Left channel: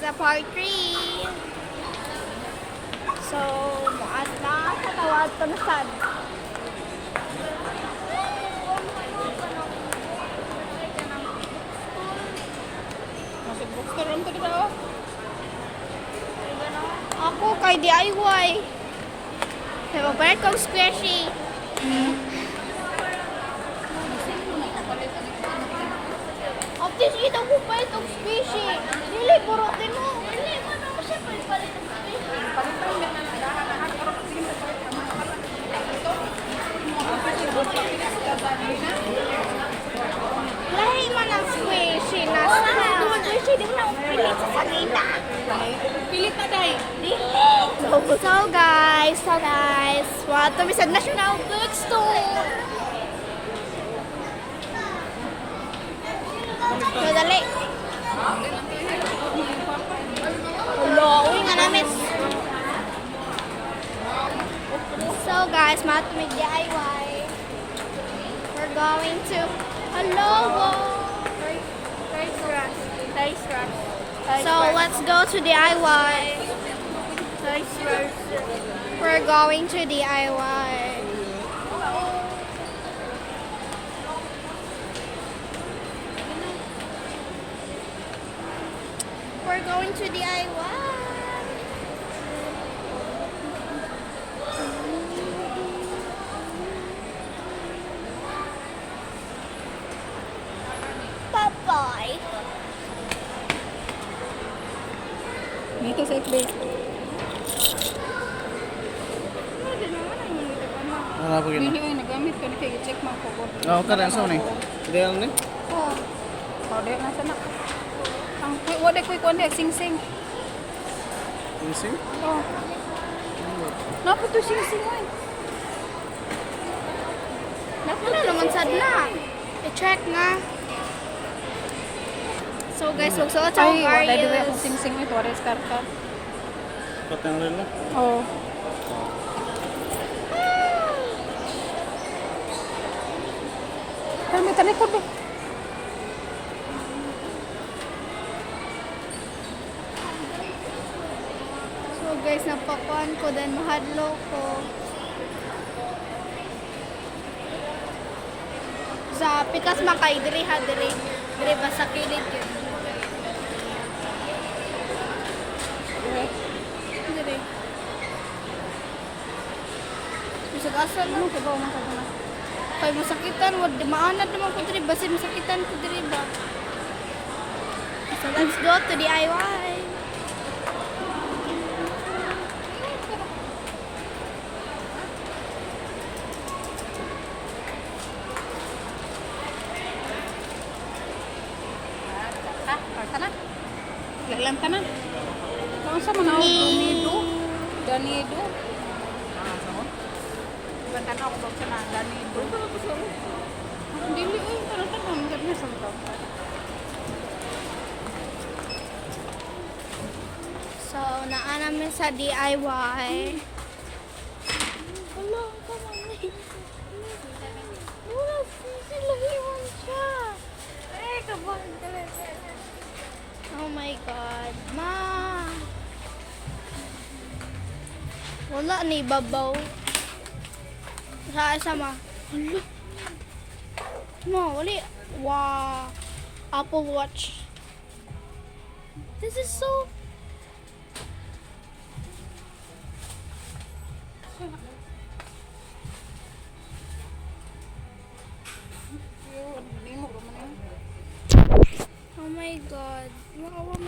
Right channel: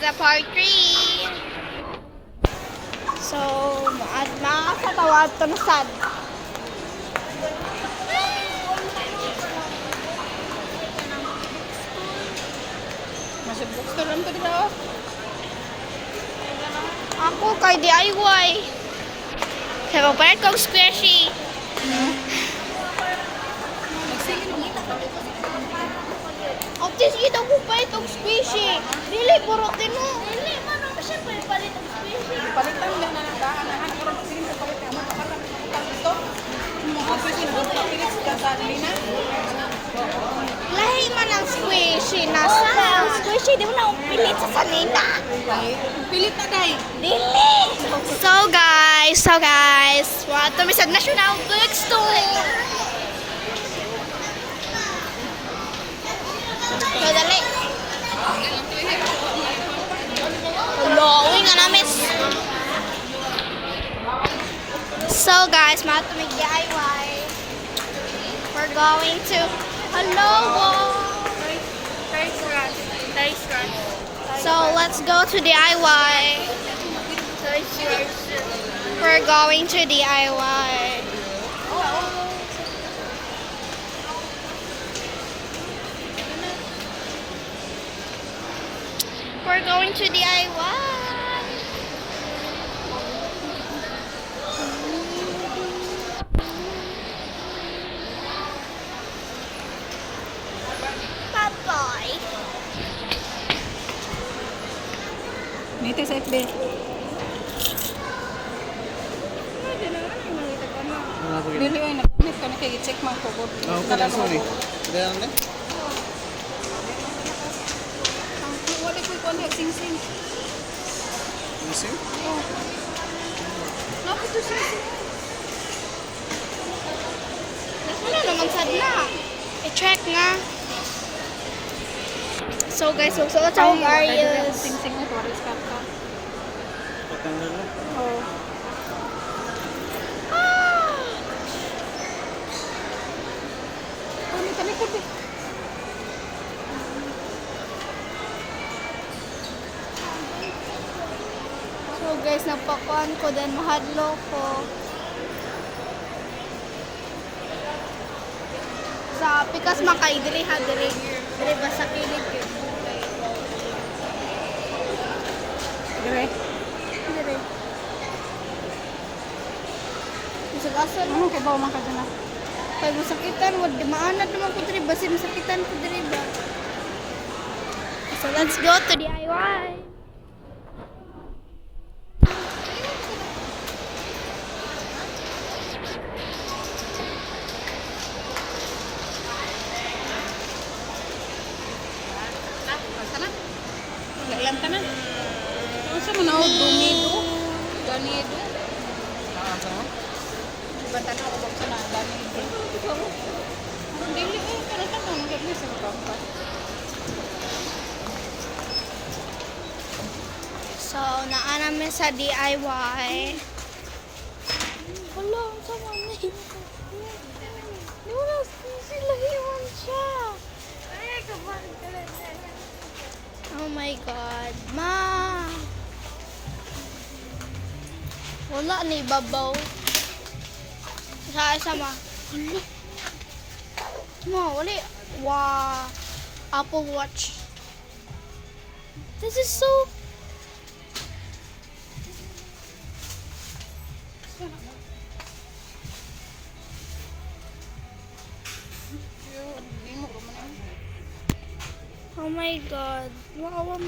pizza part 3. So, makakatawag to na sad. Masih bookstore lang to dito. Ako kay DIY. Kaya magpalit kong squishy. Ate, sige daw ko palit kong squishy. Dili, burot din mo. Dili, ano? Siyempre, palit kong squishy. Palitan mo na lang dahan. Sige mo palit ka. Lahi man ang squishy. Nasa ang squishy. Di mo na pilit sa salita. Pilit na day. Dili. So guys, what to sa National Bookstore. Dali. Hello, uwi nga namin. So guys, matamig DIY. We're going to So let's go to DIY. We're going to DIY. We're going to DIY. Bye-bye. Dito sa FB. Dili ay nagamit ko na kay check man ko. Ako ka lang, sorry. Dahil lang? Order na sa nakas. Ang wala ko ikon sing-sing. Missing? Oh. Napot to sing-sing. Wala naman sad na. I-check nga. So guys, magsuot sa akong Arius. Sing-sing mo para sa card. Patanggal lang. Oh. Pero may talikod eh. So guys, napakuan ko then mahadlo ko. Sa pikas makay diri ha diri. Diri ba sa kilid yun? Dire. Diri. Bisag asa lang. Kaya ba man ka dyan? Kay masakitan, wad maanad naman ko diri basi masakitan ko diri ba. So let's go to DIY. Lang ka na. Ano sa manawag? Donido? Donido? Bantan ako sa na. Donido. Dili eh. Ano ka ba? Hindi na sa mga. So naa namin sa DIY. Hala, sama na yun. Wala, sila iwan siya. Ay, kapag talaga. Oh my God, ma. Wala ni babaw. Sa ma. Hala. Ma, wala. Wow. Apple Watch. This is so. Hindi mo ko man. Oh my God. Wow.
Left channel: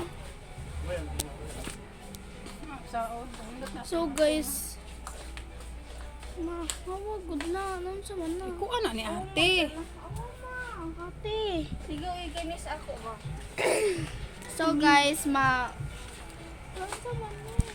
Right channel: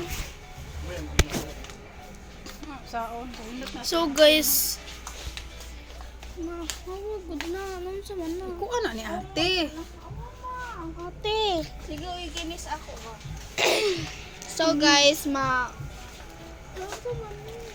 Saon. So guys, good na. Anong sa man na? Ikuha na ni ate. Ang ate. Sige, ginis ako. So guys, Anong sa man na?